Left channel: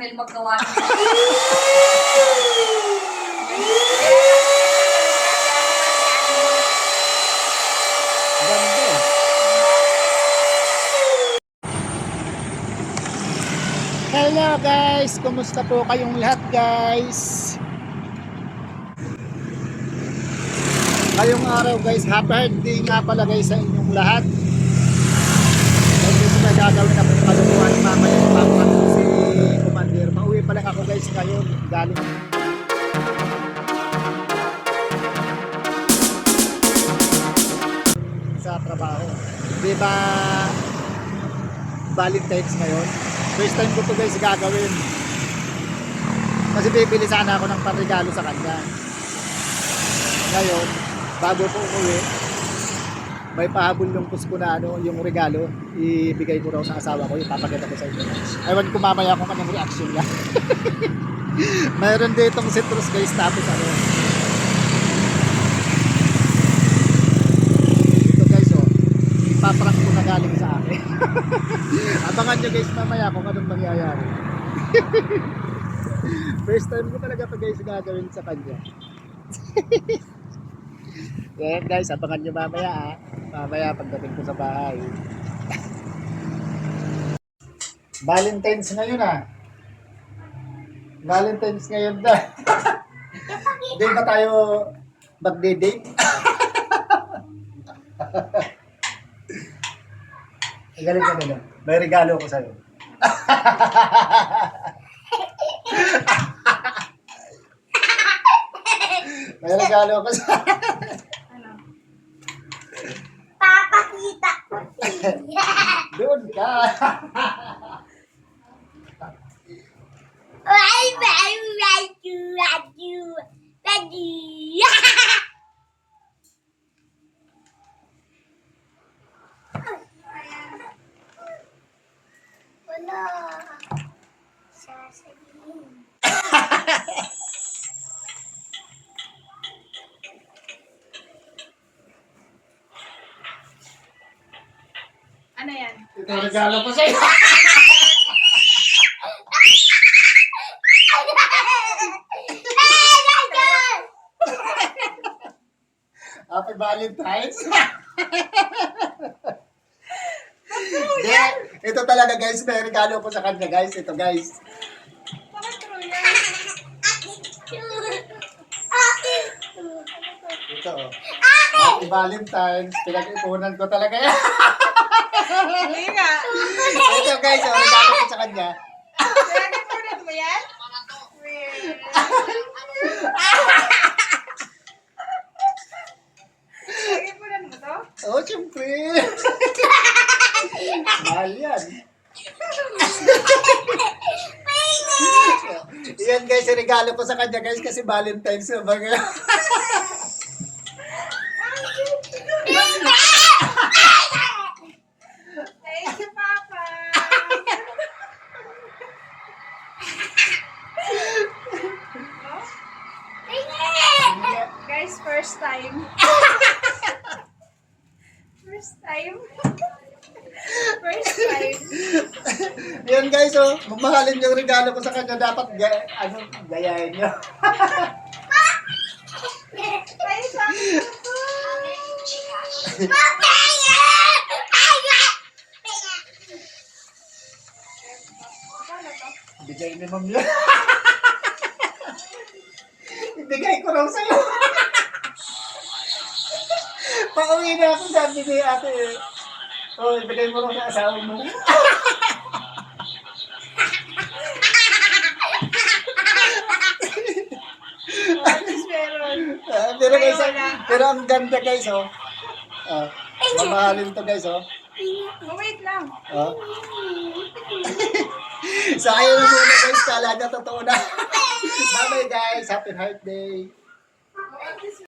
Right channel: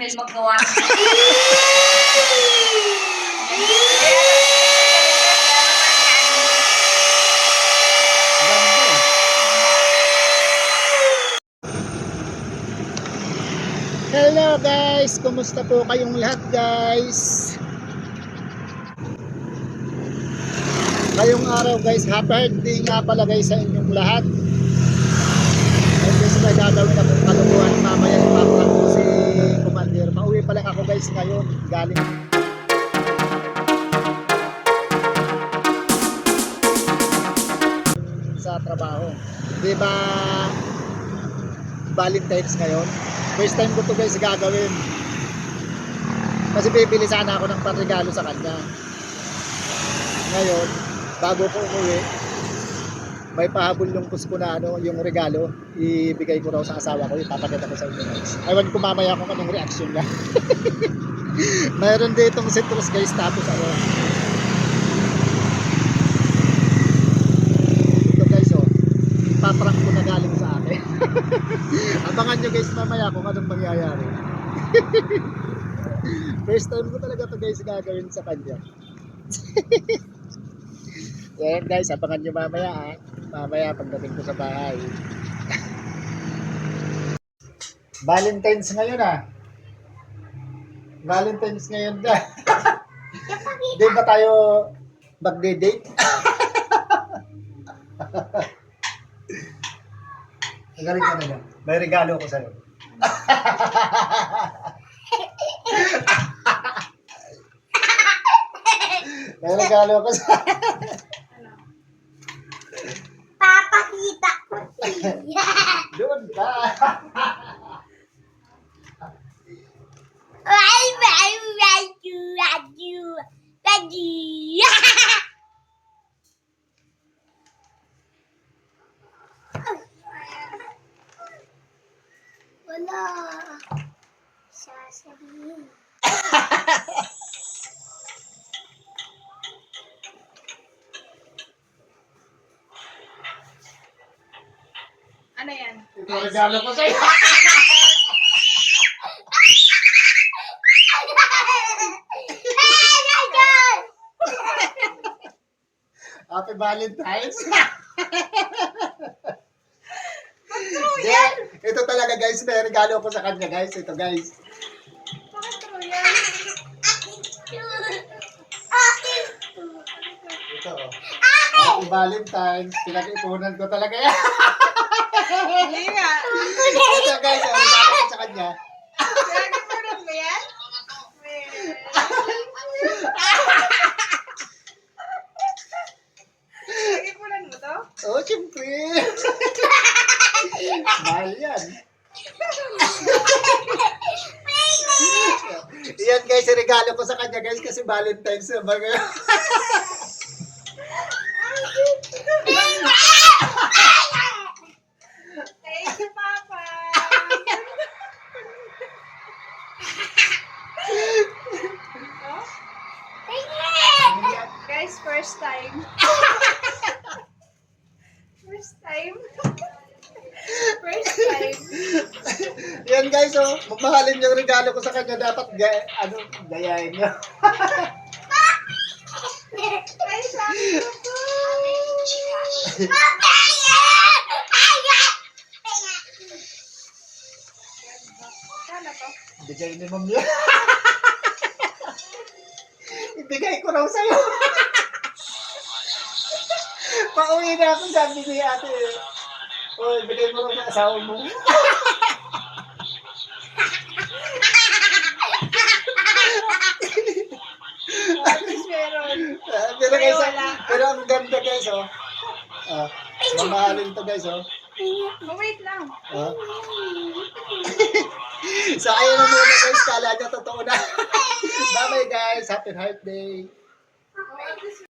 Mel magawa. Ganda. Hello guys, kumusta po kayong lahat guys? Ngayong araw guys, happy birthday nga pala guys sa inyong lahat. And guys, may gagawin na pong kalukuhan mamaya, ipaprank ko si Commander. Pauwi pa lang ako guys ngayon, galing sa trabaho. Di ba Valentine's ngayon? First time ko to guys gagawin. Kasi bibili sana ako ng panregalo sa kanya. Ngayon, bago ko umuwi, may pahabol yung pusko na yung regalo, ibigay ko raw sa asawa ko, ipapakita ko sa inyo guys. Ewan ko mamaya kung anong reaction niya. Mayroon ditong citrus guys, tapos ito guys ipaprank ko na galing sa akin. Abangan nyo guys mamaya kung anong mangyayari. First time ko talaga to guys gagawin sa kanya. Yan guys, abangan nyo mamaya mamaya pagdating ko sa bahay. Valentine's ngayon Valentine's ngayon na. Hindi ba tayo magde-date? Ang galing ka na. May regalo ko sa'yo. May regalo ko sa'yo. Ano? Papakita ko. Doon ka. Wala. Sasabihin. Ano yan? Ito regalo ko sa'yo. Happy Valentine's. Ito talaga guys, may regalo ko sa kanya guys. Ito guys. Bakit true yan? Ito Happy Valentine's. Pinag-ipunan ko talaga yan. Hindi nga. Ito guys, regalo ko sa kanya. Pinag-ipunan mo yan? Pinag-ipunan mo to? Oh, siyempre. Mahal yan. Yan guys, regalo ko sa kanya guys kasi Valentine's na ba ngayon? Thank you, Papa. Oh? Guys, first time. First time. First time. Yan guys, mamahalin yung regalo ko sa kanya. Dapat gayahin nyo. Ay, sakit ko. Kala to? Bigay ni Ma'am yun. Ibigay ko raw sa'yo. Pauwi na ako, sabi ni ate. Oh, ibigay mo raw sa asawa mo. At least meron. Pero Ay, guys, wala. pero ang ganda guys, mamahalin to guys, Oh, wait lang. So, ayun na muna guys, kala na totoo na. Bye-bye guys, happy heart day. Oh, at least